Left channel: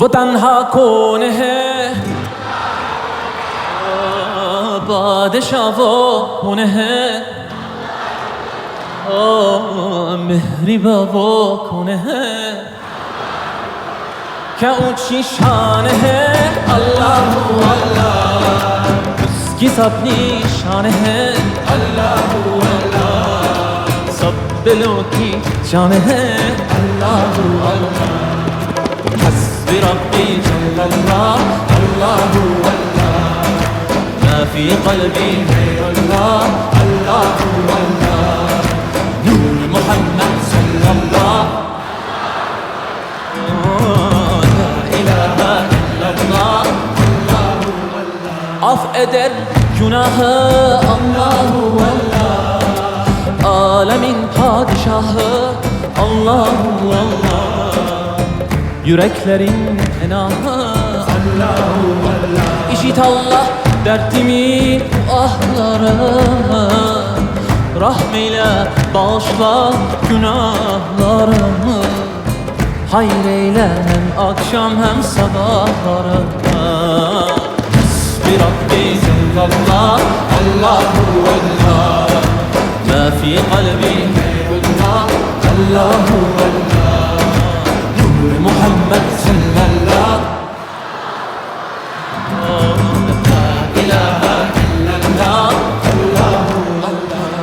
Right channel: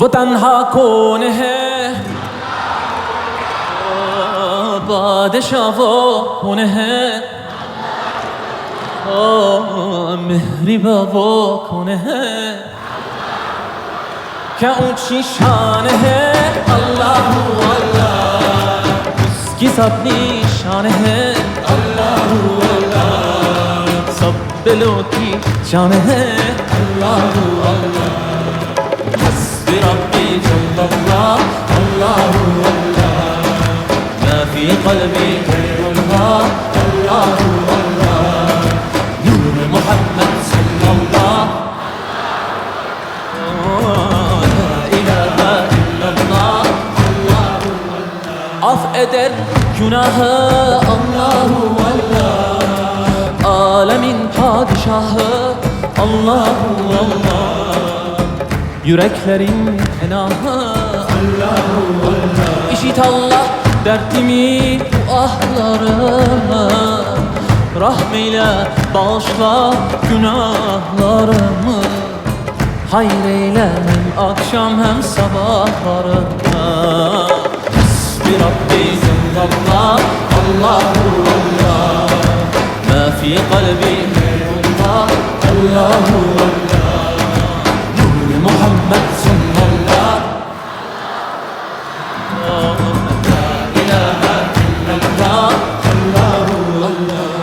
وہ تنہا کون ہے بادشاہ وہ کون ہے مہرباں وہ کون ہے کیا اونچی شان ہے اللہ اللہ کی سب نشان ہے اللہ اللہ سب دلوں کی جان ہے اللہ اللہ حسبی ربی جل اللہ اللہ اللہ ما فی قلبی غیر اللہ اللہ اللہ نور محمد صلی اللہ لا الہ الا اللہ af eder günahı Allahu Allah alemin padişahı Allahu Allah yüreklerin enahı Allahu Allah işit Allah dertimi ahlarımı rahmeyle bağışla günahlarımı hayır eyle hem akşam hem sabahlarımı بربي جل الله الله الله ما في قلبي غير الله الله الله نور محمد صلى الله لا إله إلا الله الله الله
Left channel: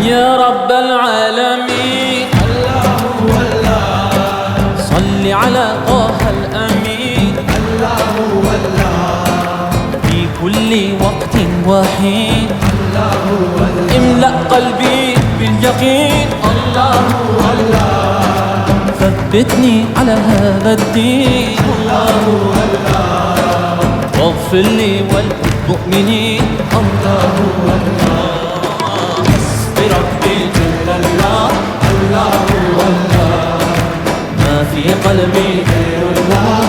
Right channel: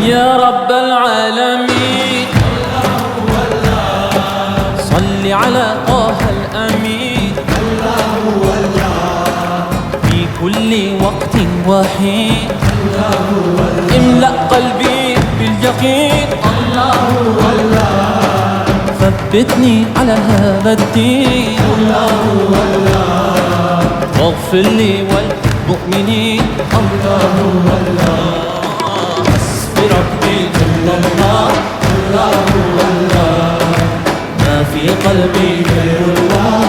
يا رب العالمين الله الله صل على طه الأمين الله الله في كل وقت وحين الله الله املأ قلبي باليقين الله الله ثبتني على هذا الدين الله الله واغفر لي والمؤمنين الله الله بربي جل الله الله الله ما في قلبي غير الله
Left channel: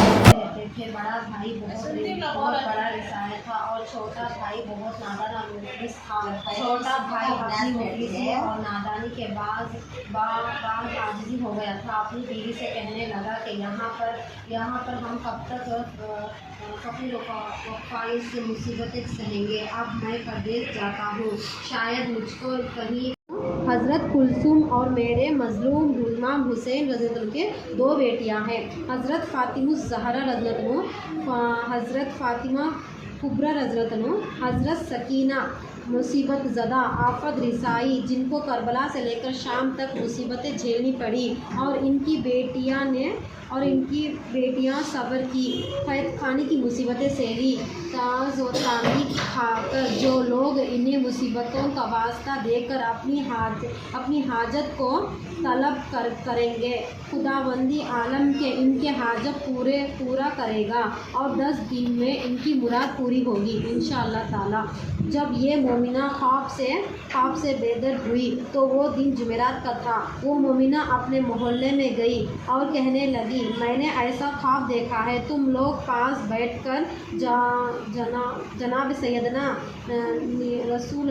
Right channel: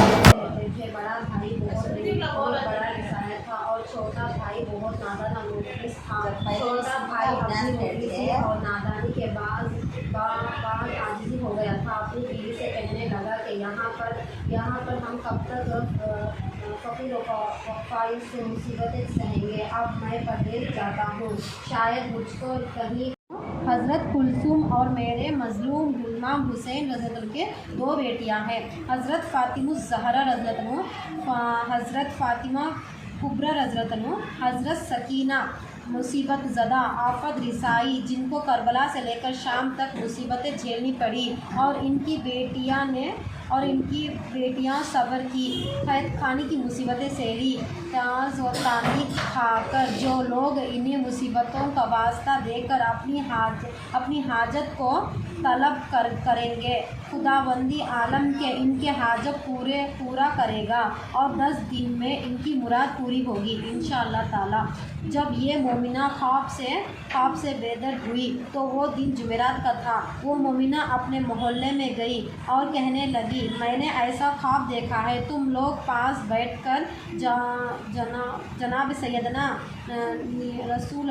پھر بڑا بھائی بہت بڑا رسائل تھا اور چھوٹا بھائی بہت نادان اور مفلس تھا چھوٹا بھائی اپنی مفلسی اور نادانی کے بعد عاجزی ہو گیا تھا اپنی بیوی سے کہنے لگا کہ یہاں پر ہم کب تک فقیر وقفہ سے مصیبتیں سہیں گے اب میں پردیس جاتا ہوں شاید مجھ کو کہیں حضرت کلثوم اور میرے مظلوم امام حسین رضی اللہ عنہ کے دو بیٹیاں ہیں حضرت فاطمہ الزہرا رضی اللہ عنہ حضرت فاطمہ کبریٰ رضی اللہ عنہ حضرت سکینہ مصیبت زدہ آفت رسائی جن کو کربلا سے لے کر شام تک مصیبتیں جھیلنی پڑی اور ان کی بیٹیاں صبر کی قید خانی کی مصیبتیں سہی تاز و تعمیر کھا کر جو لوگ انہیں مصیبتوں کا واسطہ دے کر اپنی حاجت کو طلب کریں گے خداوندی عالم کے ان کے حاجت پورا کرے گا اور 10 دن میں ان کی مراد پوری ہوگی انشاءاللہ تعالی جب یہ مومنہ خواب سے بیدار ہوئی تو وہ دن جمعرات کا تھا وہ مومنہ اپنے محلے میں گئی اور کہنے لگی میں نے ایسا خواب دیکھا ہے تم لوگ پاس بیٹھ کر جناب سیدنا رسول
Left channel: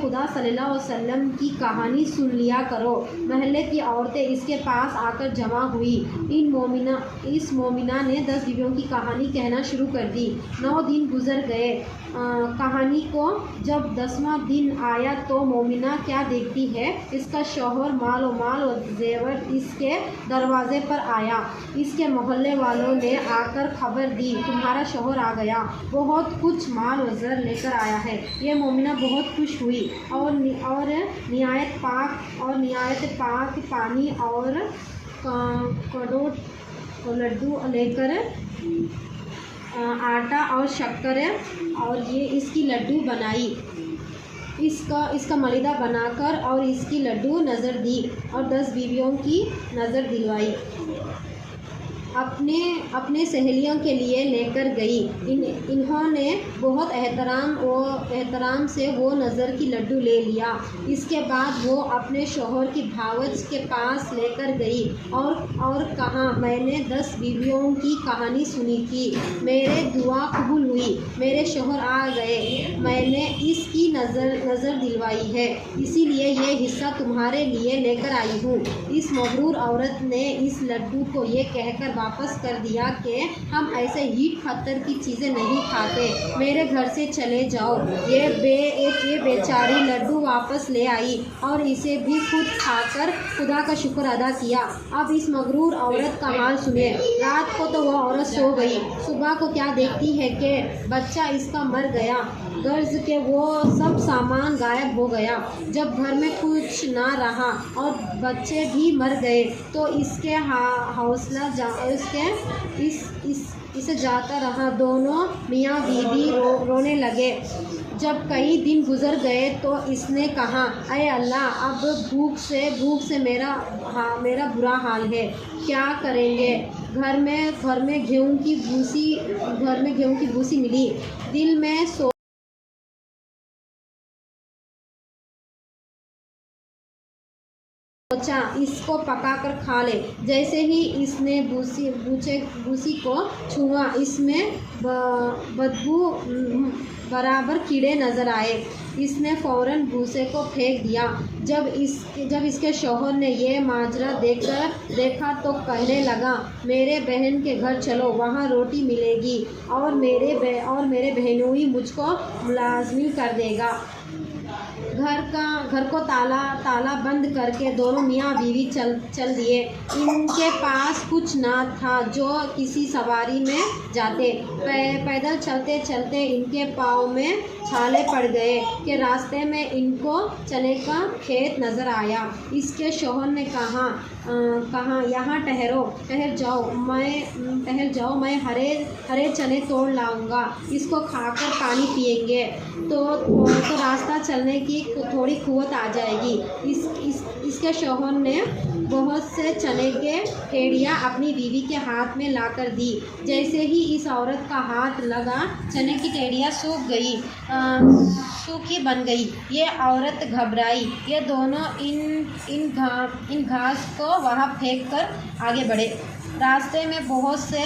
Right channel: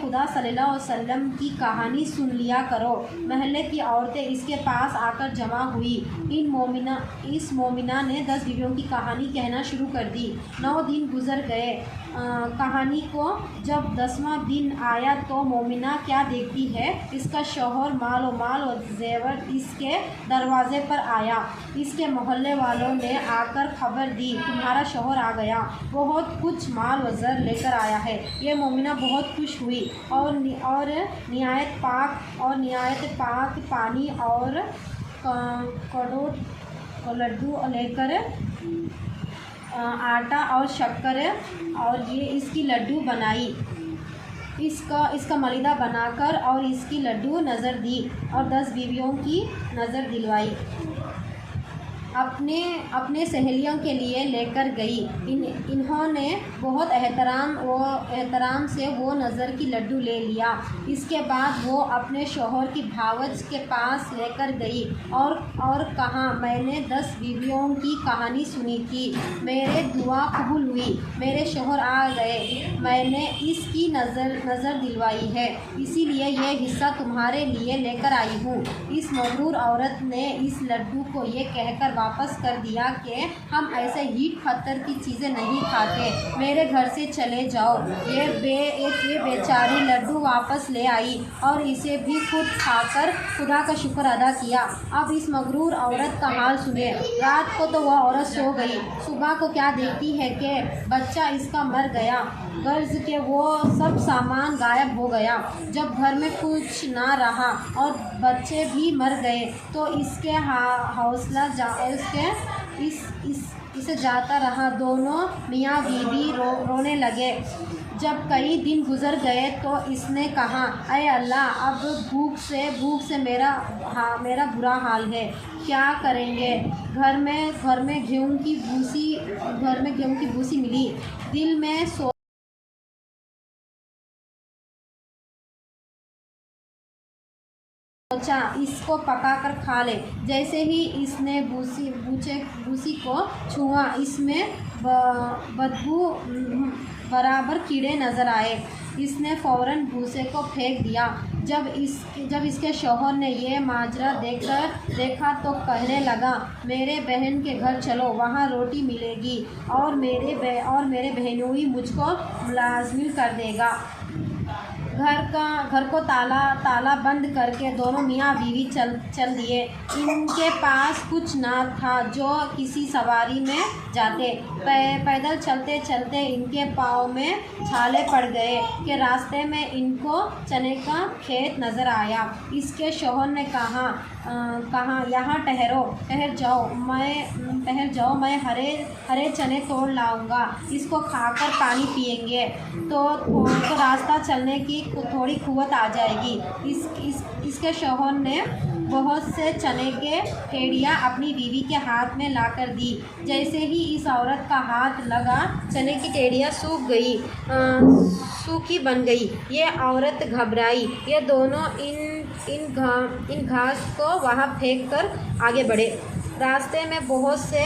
خدا صلی اللہ علیہ وسلم کی کہانی سن لیا کرو محلے کی عورتیں اس کے پاس آ کر جمع ہوئی اس مومنہ نے 10 بیویوں کی کہانی کہنا شروع کر دی 9 دن گزر گئے کہانی کو جب 10واں دن آیا تو مومنہ کیا دیکھتی ہے اس کا شوہر مال و زیور اس کے دروازے پر آیا اس کے محلے والوں نے آ کر خبر دی تمہارا شوہر آ گیا بہت کچھ مال و زر لے کر آیا ہے یہ مومنہ بہت خوش ہوئی اور نہایت پاک پانی اور لڈو لے کر آٹا اور شکر اور یہ اس کی لڈو بنائی اس کا ملیدہ بنا کر اور اس کی لڈو نظر دی اور 10 بیویوں کی نظر دلوائی اپنے سہیلیوں کے لیے لے کر گئی۔ انہوں نے بہت احترام سے وہ نظر کی لڈو لے لیا۔ اس کے بعد وہ اپنے شوہر کی بھاوج کے پاس لے کر گئی اور کہا، میں نے 10 بیویوں کی کہانی سنی تھی، میرے دعا قبول ہوئی، میرے شوہر آ گئے، میں نے اس کی نظر دلوائی ہے، اسی لیے یہ حصہ تمہارے لیے لے کر آئی ہوں۔ اس مغرور عورت نے اس لڈو کو یہ کہہ کر واپس کر دیا کہ ہم ایسے ہیٹ پتھر کی چیزیں نہیں کھاتے، میرے گھر سے چلے جاؤ۔ یہ بیچاری لڈو واپس لے آئی اور اسے بھی خود کھا کر خدا کا شکر ادا کیا۔ اب اس مغرور عورت کا حال سنیں۔ رات کو تو وہ عورت سو گئی، صبح کو کیا دیکھتی ہے کہ بچہ اس کا مر گیا، غرض کہ وہ سب سامان غائب ہو گیا۔ جب گھر میں کچھ نہ رہا اور بچے بھی مر گئے تو اس کے حوصلہ اسے جاتا رہا۔ دونوں میاں بیوی رونے لگے۔ جب کئی دن گزر گئے تو اس نے کہا، اے اللہ، اب بھوک سے میرا برا حال ہے، کیا کریں گے؟ گھر میں گیہوں کی بھوسی ملی، دل میں سوچا اس کو پکا کر کھا لے۔ جیسے ہی اس نے بھوسی کو چھوا، اس میں بدبو برابر کیڑے نظر آئے۔ اس نے فوراً بھوسے کو پھینک دیا۔ جب اس کے شوہر نے یہ ماجرا دیکھا تو کہنے لگا، میرے بہن کے گھر چلو، وہاں روٹی ملے گی اور میرے بہنوئی مجھ کو ملازم کر دے گا۔ گھر کو تالا بند کر کے دونوں میاں بیوی چل دیے۔ ان کے پاس کچھ نہ تھا جو کسی سواری میں جاتے۔ پیدل چلتے چلتے ان کے پاؤں میں چھالے پڑ گئے کہ راستے میں ان کو چنے کا کھیت نظر آیا۔ اس کے شوہر نے کہا، یہاں ٹھہر جاؤ، میں ہرے چنے توڑ لاؤں گا، اس کو کھا کر پانی پئیں گے تو راستہ چلنے کی تھوڑی قوت آ جائے گی۔ اس کے شوہر نے بہت سے چنے کے پھیڑیاں اپنی بیوی کے ہاتھ میں لا کر دی۔ جیسے ہی اس عورت کا ہاتھ لگا، چنے کی ٹیڑیاں سوکھی بن گئی۔ یہ عورت گھبرائی۔ یہ دونوں ان گھاس کو وہاں پھینک کر آگے بڑھے۔ راستے میں بہت سی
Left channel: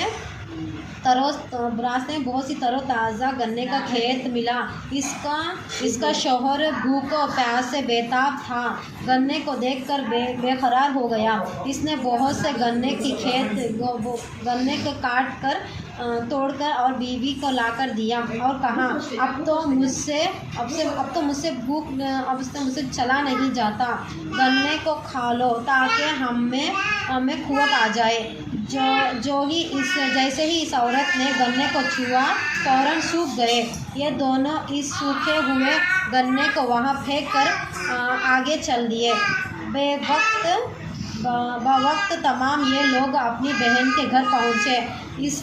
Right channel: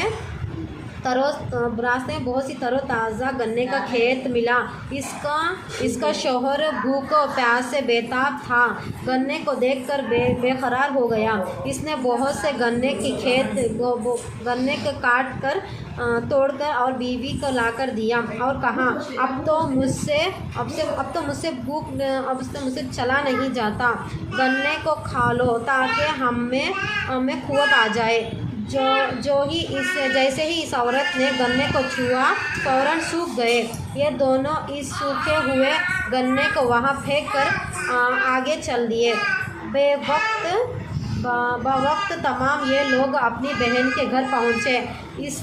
تر و تازہ گنے کا کھیت ملا۔ اس کا شوہر بھوک و پیاس سے بےتاب تھا، گنے کو دیکھ کر بے قرار ہو گیا۔ اس نے بہت سے گنے کو کاٹ کر توڑ کر اور بیوی کو لا کر دیا اور کہا، اب تو مجھ سے چلا نہیں جاتا، گنے کو کھا لو تاکہ ہمیں قوت آ جائے۔ جیسے ہی اس عورت نے گنے کو چھوا، فوراً سوکھ گئے۔ یہ دونوں اس سوکھے ہوئے گنے کو وہاں پھینک کر آگے چل دیے۔ بوقت تمام یہ لوگ اپنی بہن کے گھر پہنچے۔ اس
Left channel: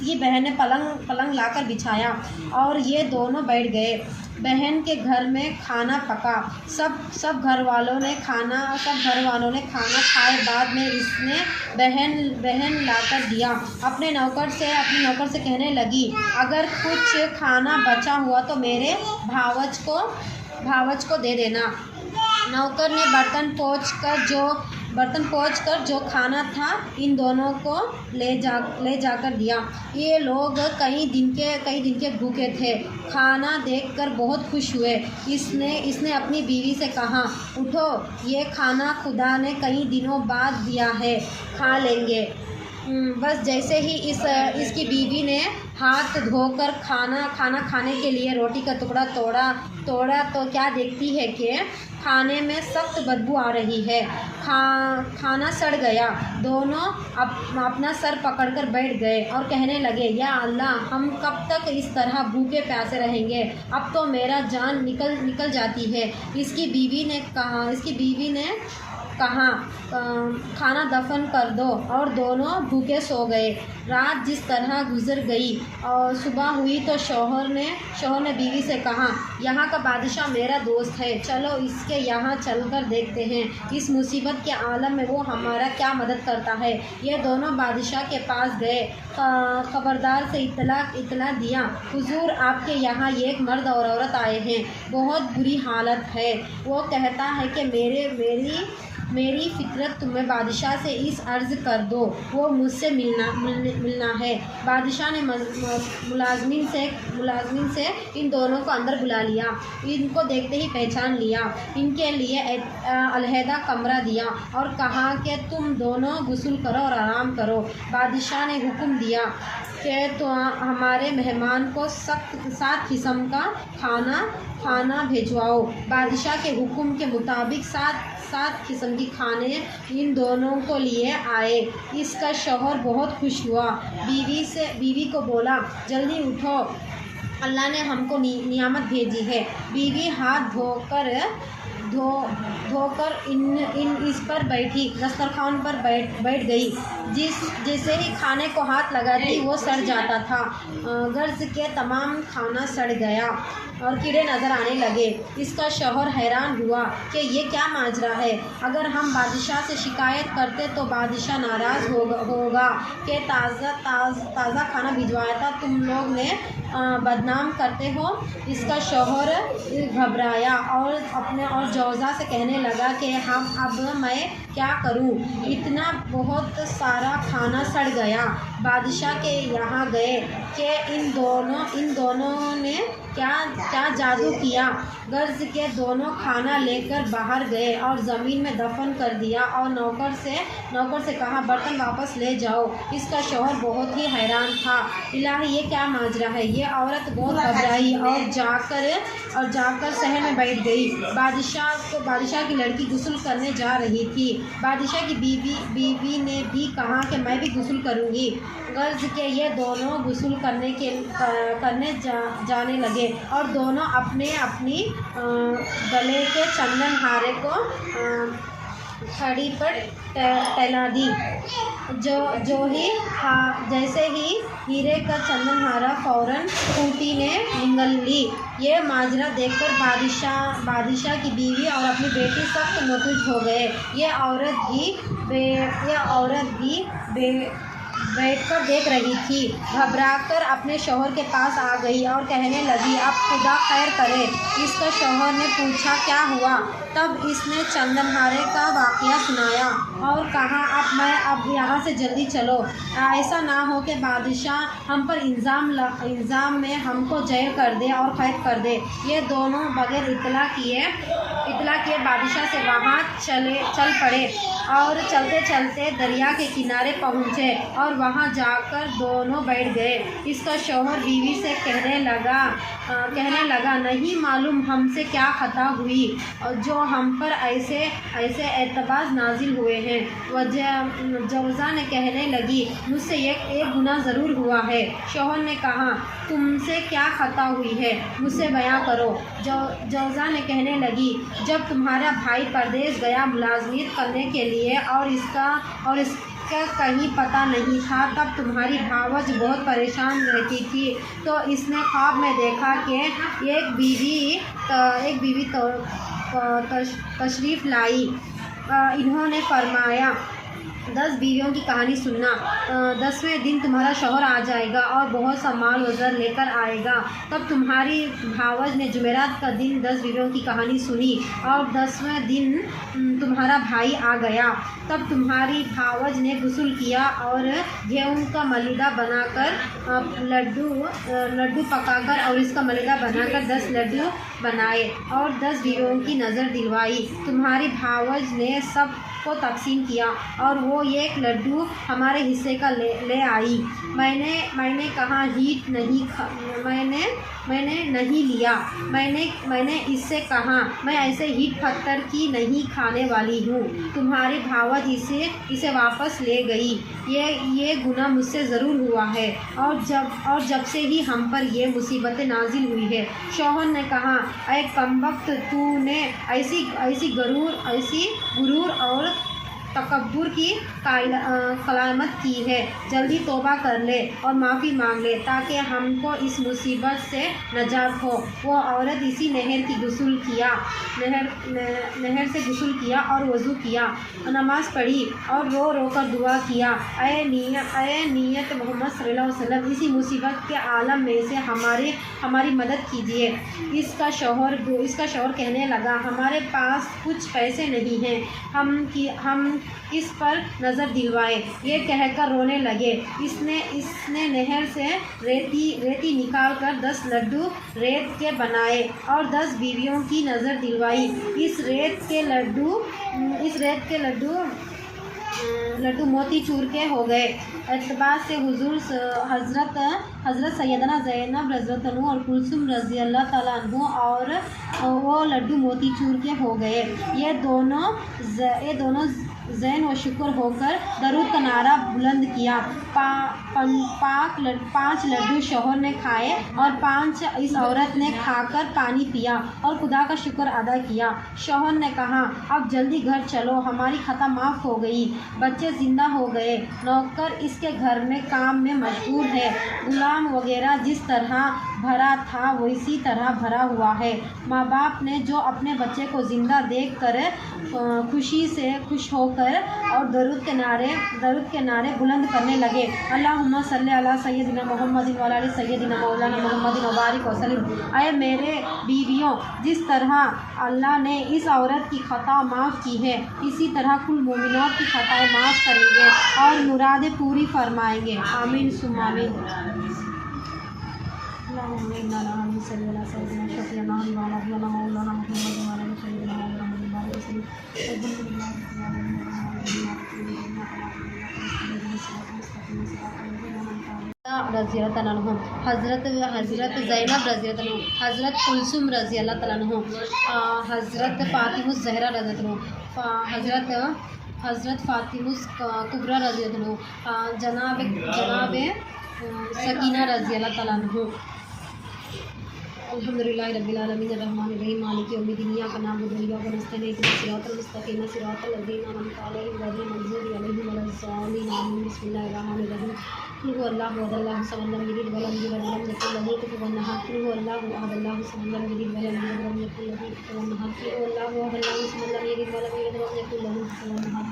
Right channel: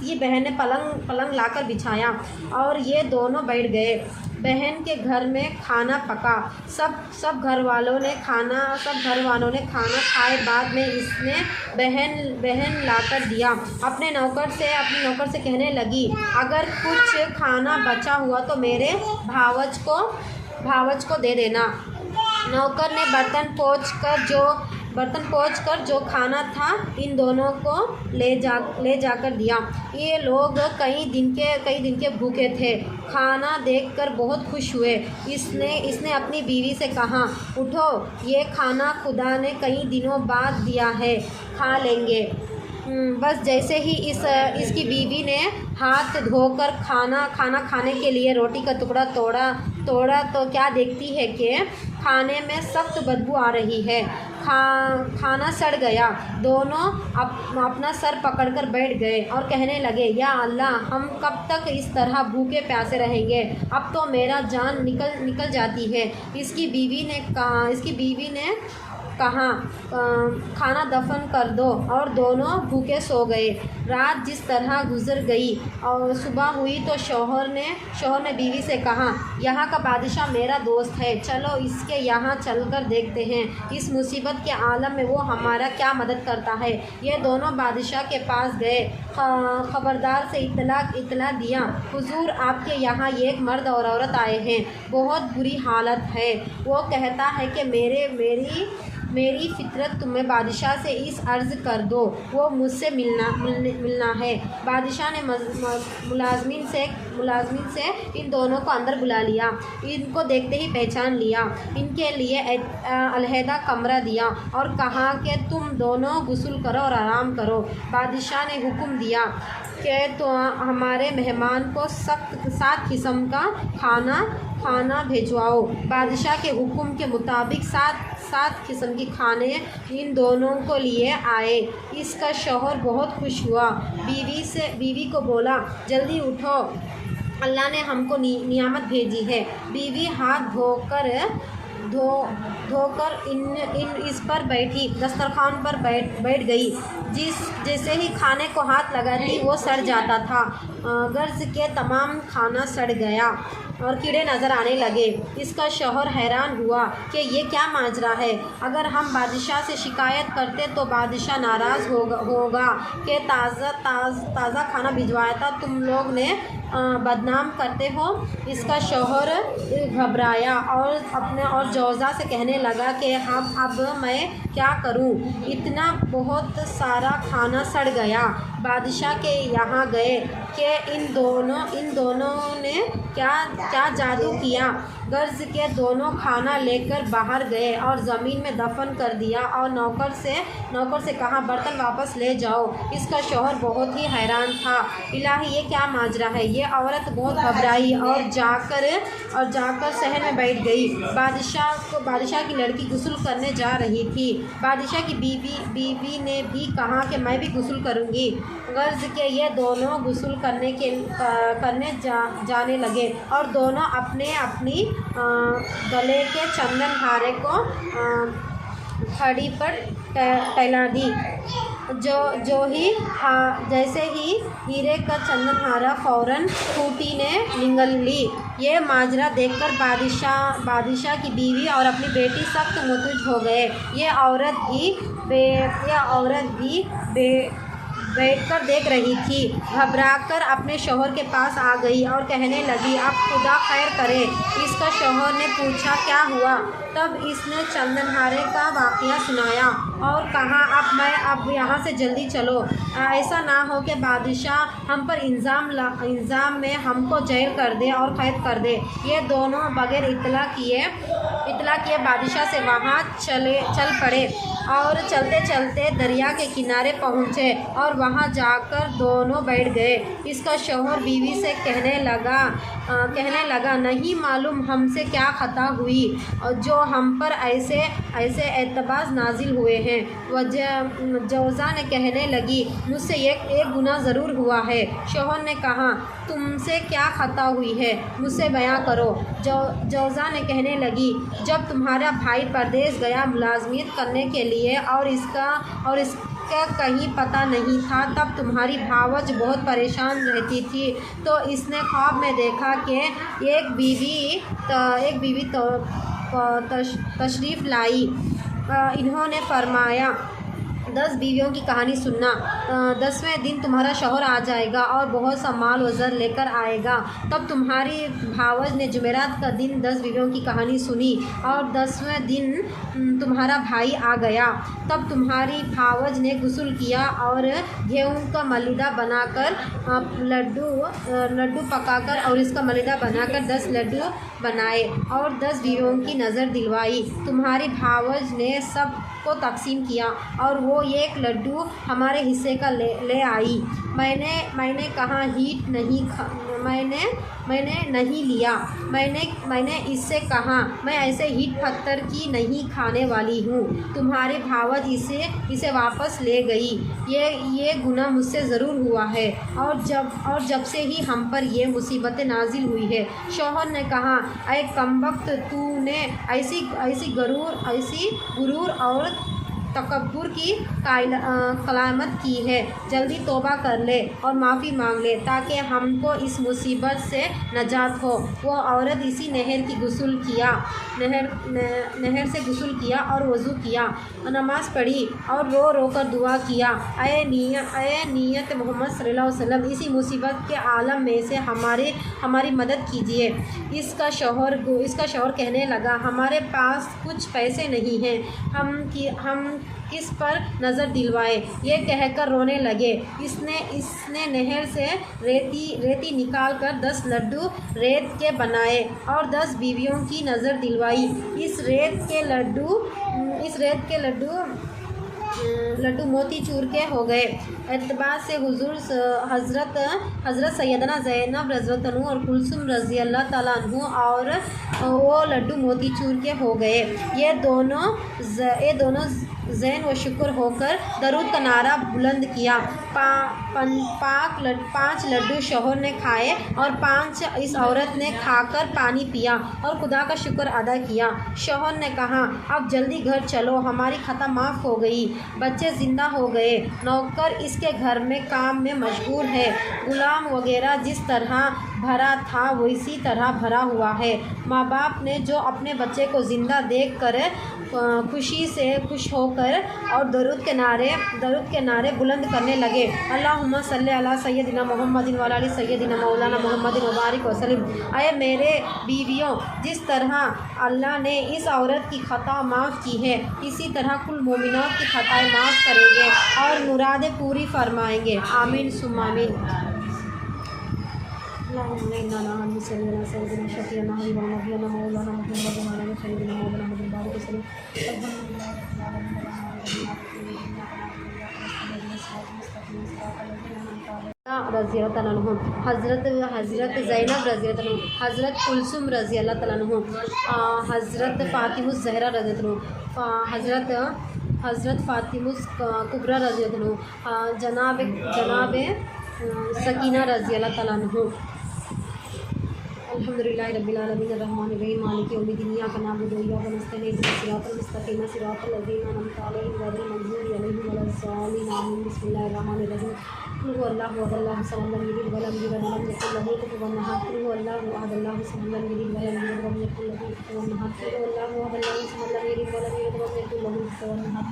کی بہن نے پلنگ لا کر بچھایا اور یہ دونوں بیٹھ گئے۔ بہن کے گھر میں کھانا پکا۔ سب گھر والوں نے کھانا کھائے۔ بعد میں اس نے بہن لا کر دیا۔ اپنے نوکر سے کہنے لگی، اگر کچھ کھانا بچا ہوا تو میرے بھاوج کو دے دینا۔ نوکر نے برتن پوچھ کر جو کھانا تھا ان دونوں کو لے جا کر دیا۔ یہ لوگ کئی دن کے بھوکے تھے۔ کھانا دیکھ کر بہت خوش ہوئے۔ اس نے اپنی بیوی سے کہا، اٹھو، یہ کھانا خدا نے کئی دنوں بعد دیا ہے، کھا لیں گے۔ بس جیسے ہی اس کی بیوی نے ہاتھ دھو کر کھانا کھانے کے لیے روٹی کا ٹکڑا توڑا تو کیا دیکھتی ہے کہ کھانے میں سخت بدبو آ رہی ہے۔ کھانا سڑ گیا۔ دونوں اپنا سر پکڑ کر بیٹھ گئے اور کہنے لگے، یا اللہ، ہم کب تک اس طرح بھوکے پیاسے رہیں گے؟ اب تو میرا جان نکل جاتی ہے۔ اس کی بیوی نے کہا کھانا دفن کر دو، اور دونوں بھوکے سو گئے۔ رات جس طرح گزر گئی اور صبح ہوئی تو شوہر نے بیوی سے کہا، یہاں کا بادشاہ میرا دوست ہے، چلو اس کے یہاں چل کر دیکھتے ہیں، اس مصیبت کے عالم میں وہ ہمارا کیا مدد کرتا ہے۔ یہ دونوں بادشاہ کے پاس گئے، خبردار سے اطلاع دیا، حضور آپ کے یہاں ایک مرد اور عورت آئے ہیں، بہت بری حالت ہے، وہ کہتا ہے کہ میری فطرت تمہیں بادشاہ سے اس عرض کر دو، وہ مجھ سے ملنا ہے۔ بادشاہ نے ملازمین سے ان دونوں کو اندر بلا لیا، ان کو دیکھتے ہی پہچان لیا، ان کے لیے علیحدہ کمرہ دیا اور کہا کہ تم دونوں غسل کرو اور آرام کرو۔ بادشاہ نے حکم دیا کہ تو ہمارے مہمان کو 7 قسم کا کھانا بھیجواؤ۔ بادشاہ کے حکم کے مطابق 7 قسم کی کھانے ان دونوں کو لیے آئے۔ اس کا شوہر بہت خوش ہوا، بیوی کو بولا، جلدی اٹھو، اللہ نے ہم کو نعمت بھیجی ہے۔ بیوی ہاتھ دھو کر اس پر بیٹھی، دسترخوان پر بیٹھ گئی۔ جیسے ہی کھانے کو ہاتھ لگاتی وہ سڑ جاتا تھا، غرض کے تمام کھانا سڑ گیا اور کیڑے نظر آنے لگے۔ اس کا شوہر حیران ہوا کہ یہ کیا ماجرا ہے، اگر ہم بادشاہ سے شکایت کرتے تو بادشاہ ناراض ہوگا کہ تازہ کھانا بھجوایا تھا تم لوگ نے بدنام کرتے ہو۔ اس کا شوہر گھبرایا اور جوزا سے کہنے لگا کہ اب میں کیا کروں، اتنا بہت سارا کھانا سڑ گیا۔ بادشاہ کے یہاں گئے کہ ان دونوں نے کیا جادو کیا، غرض کے دونوں کھانا لے کر باہر گئے اور زمین میں دفن کر دیا اور نوکر سے کہا برتن واپس لے جاؤ۔ اس کا شوہر بہت ہی حیران تھا، الہی یہ کیا ماجرا ہے۔ یہ عورت بہت گھبرائی اور جا کر صحن میں بیٹھ گئی۔ بادشاہ کی لڑکی غسل کرنے جا رہی تھی۔ بادشاہ کی بیوی نے بھی کہا کہ میں بھی غسل کروں گی، غرض کہ یہ دونوں غسل کرنے جانے لگے اور دونوں اپنی گلے کے چندن ہارے کو کھڑی پر ٹھہلا دی۔ جیسے ہی ہیرے کا چندن ہارا فوراً اونٹی نے نگل لی۔ یہ ماجرا دیکھ کر بادشاہ کی بیوی اور اپنی بیٹی سخت مدہوش ہو گئے۔ یہ عورت بھی بیٹھ کر دیکھ رہی تھی، گھبرا کر اپنے شوہر کے پاس آ گئی اور کہنے لگی، اب خدا خیر کرے۔ اس کا شوہر نے پوچھا کیا ہوا، تب اس نے چندن ہارے کا واقعہ سنایا اور کہا اب یہاں سے جلدی چلو، ایسا نہ ہو کہ بادشاہ ہم پر الزام میں ہم کو جیل کر دے اور قید کر دے۔ یہ دونوں بغیر اطلاع کیے بادشاہ سے وہاں چل پڑے اور چلتے چلتے دریا کے کنارے پہنچے اور وہاں جا کر دونوں بیٹھ گئے۔ اس کا شوہر بیوی سے کہنے لگا نہیں معلوم ہم سے کیا خطا ہوئی جو ہم پر ایسے اعتبار نازل ہوئے ہیں۔ جوزا نے کہنے لگی، مجھ سے ایک گناہ ضرور ہوا ہے۔ شوہر نے کہا، تم سے کیا خطا ہوئی ہے، مجھ سے بیان کرو۔ جوزا نے کہنے لگی، جب تمہارا بھائی پردیس گیا ملازمت کرنے کے لیے اور اس کا کہیں پتہ نہیں تھا، تب تمہاری بھاوج بہت پریشان رہتی تھی، تو اس نے خواب میں دیکھا کہ ایک بیوی تشریف لائی۔ انہوں نے فرمایا، 10 بیویوں کی کہانی سننا، 10ویں دن تمہارا شوہر آ جائے گا اور بہت سا مال و زر لے کر آئے گا۔ تب تمہاری بھاوج نے جمعرات کا دن 10 بیویوں کی کہانی سنی اور 10ویں دن تمہارا بھائی آ گیا۔ تب تمہاری بھاوج نے غسل کیا اور گیہوں کا ملیدہ بنا کر لڈو پکا کر اور اس کا ملیدہ بنا کر 10 لڈو بنائے اور 10 بیویوں کی نظر دلوائی۔ تمہاری بھاوج نے سب کو تقسیم کیا اور وہ وہ ایک لڈو ہمارے حصے کا لے آئی۔ میں نے کہا ہیٹ میں نے نہیں لیا۔ میں نے اس سے کہا میں ایسے ہیٹ پتھر کی نہیں کھانے والی ہوں۔ تمہاری بھاوج اسے واپس لے گئی۔ یہ گناہ مجھ سے ضرور ہوا ہے اور جب سے ہی ہم پر یہ مصیبت نازل ہوئی ہے۔ شوہر نے کہا اے کمبخت، تو نے ایسی غرور اور تکبر کی کلامت کی ہے، جلدی توبہ کر لے اور معافی مانگ لے تاکہ ہم کو اس مصیبت سے نجات ہو۔ وہ عورت اسی نہر سے غسل کیا اور وضو کیا، نماز پڑھی اور رو رو کر دعا کیا، اے نیت محمد صلی اللہ علیہ وسلم، اسی مصیبت کے عالم میں سے ہماری مدد کیجیے۔ اس کا شوہر کہنے لگا ہمارے پاس کچھ پیسے نہیں ہیں، ہم کس پر نظر دلوائیں؟ یہ کہہ کر رونے لگے۔ اس نے نہر سے ریتی نکال کر 10 لڈو ریت کے بنائے اور 10 بیویوں کی نظر دلوائی۔ اس ریت کے لڈو موتی چور کے ہو گئے۔ اعتبار سے حضرت سیدنا زینب رضی اللہ عنہ اور کلثوم رضی اللہ تعالیٰ عنہ اور وہ لڈو موتی چور کے ہو گئے۔ یہ دونوں زین و شکر ہو کر درود کا نعرہ بلند کیا۔ 5 لڈو شوہر نے کھائے اور 5 اس عورت نے کھا کر پانی پیا اور خدا کا شکر ادا کیا۔ شوہر نے کہا اب جلدی گھر چلو، ہماری خطا معاف ہو گئی، بچے زندہ ہو گئے، نوکر اس کے گھر میں کام میں مشغول ہے، غلام وغیرہ جس طرح بھرا تھا ویسی طرح بھرا ہوا ہے۔ ماں باپ نے جو اپنے بچے کو زندہ دیکھ کر خوش ہو کر اور درود کے نعرے بلند کرنے لگے، اللہم صلی علی سیدنا محمد وعلی آل سیدنا مولانا محمد وبارک وسلم۔ اے میرے بیویوں، جس طرح اللہ نے اس عورت کی خطا معاف کی ہے، اسی طرح کل مومنات کی خطائیں معاف کریں گے اور مرادیں پوری فرمائیں گے، آمین ثم آمین۔ اللہم انا صلی علی سیدنا شفیعنا حبیبنا نبینا مولانا محمد وعلی آل سیدنا مولانا محمد وبارک وسلم۔ الحمدللہ رب العالمین رضی اللہ تعالیٰ عنہ، حضرت زینب رضی اللہ عنہ، حضرت کلثوم رضی اللہ تعالیٰ عنہ، حضرت فاطمہ الزہرا رضی اللہ عنہ، حضرت فاطمہ کبریٰ رضی اللہ عنہ، جناب سکینہ رضی اللہ تعالیٰ عنہ۔ الحمدللہ رب العالمین الرحمن الرحیم مالک یوم الدین، ایاک نعبد و ایاک نستعین، اهدنا الصراط المستقیم صراط الذین انعمت علیہم غیر المغضوب علیہم ولا الضالین، آمین۔ بسم اللہ الرحمن الرحیم، قل هو اللہ احد اللہ الصمد لم یلد ولم یولد ولم یکن له کفوا احد، قل هو اللہ احد اللہ الصمد لم یلد ولم یولد ولم یکن له کفوا احد، قل هو اللہ احد اللہ الصمد لم یلد ولم یولد ولم یکن له کفوا احد۔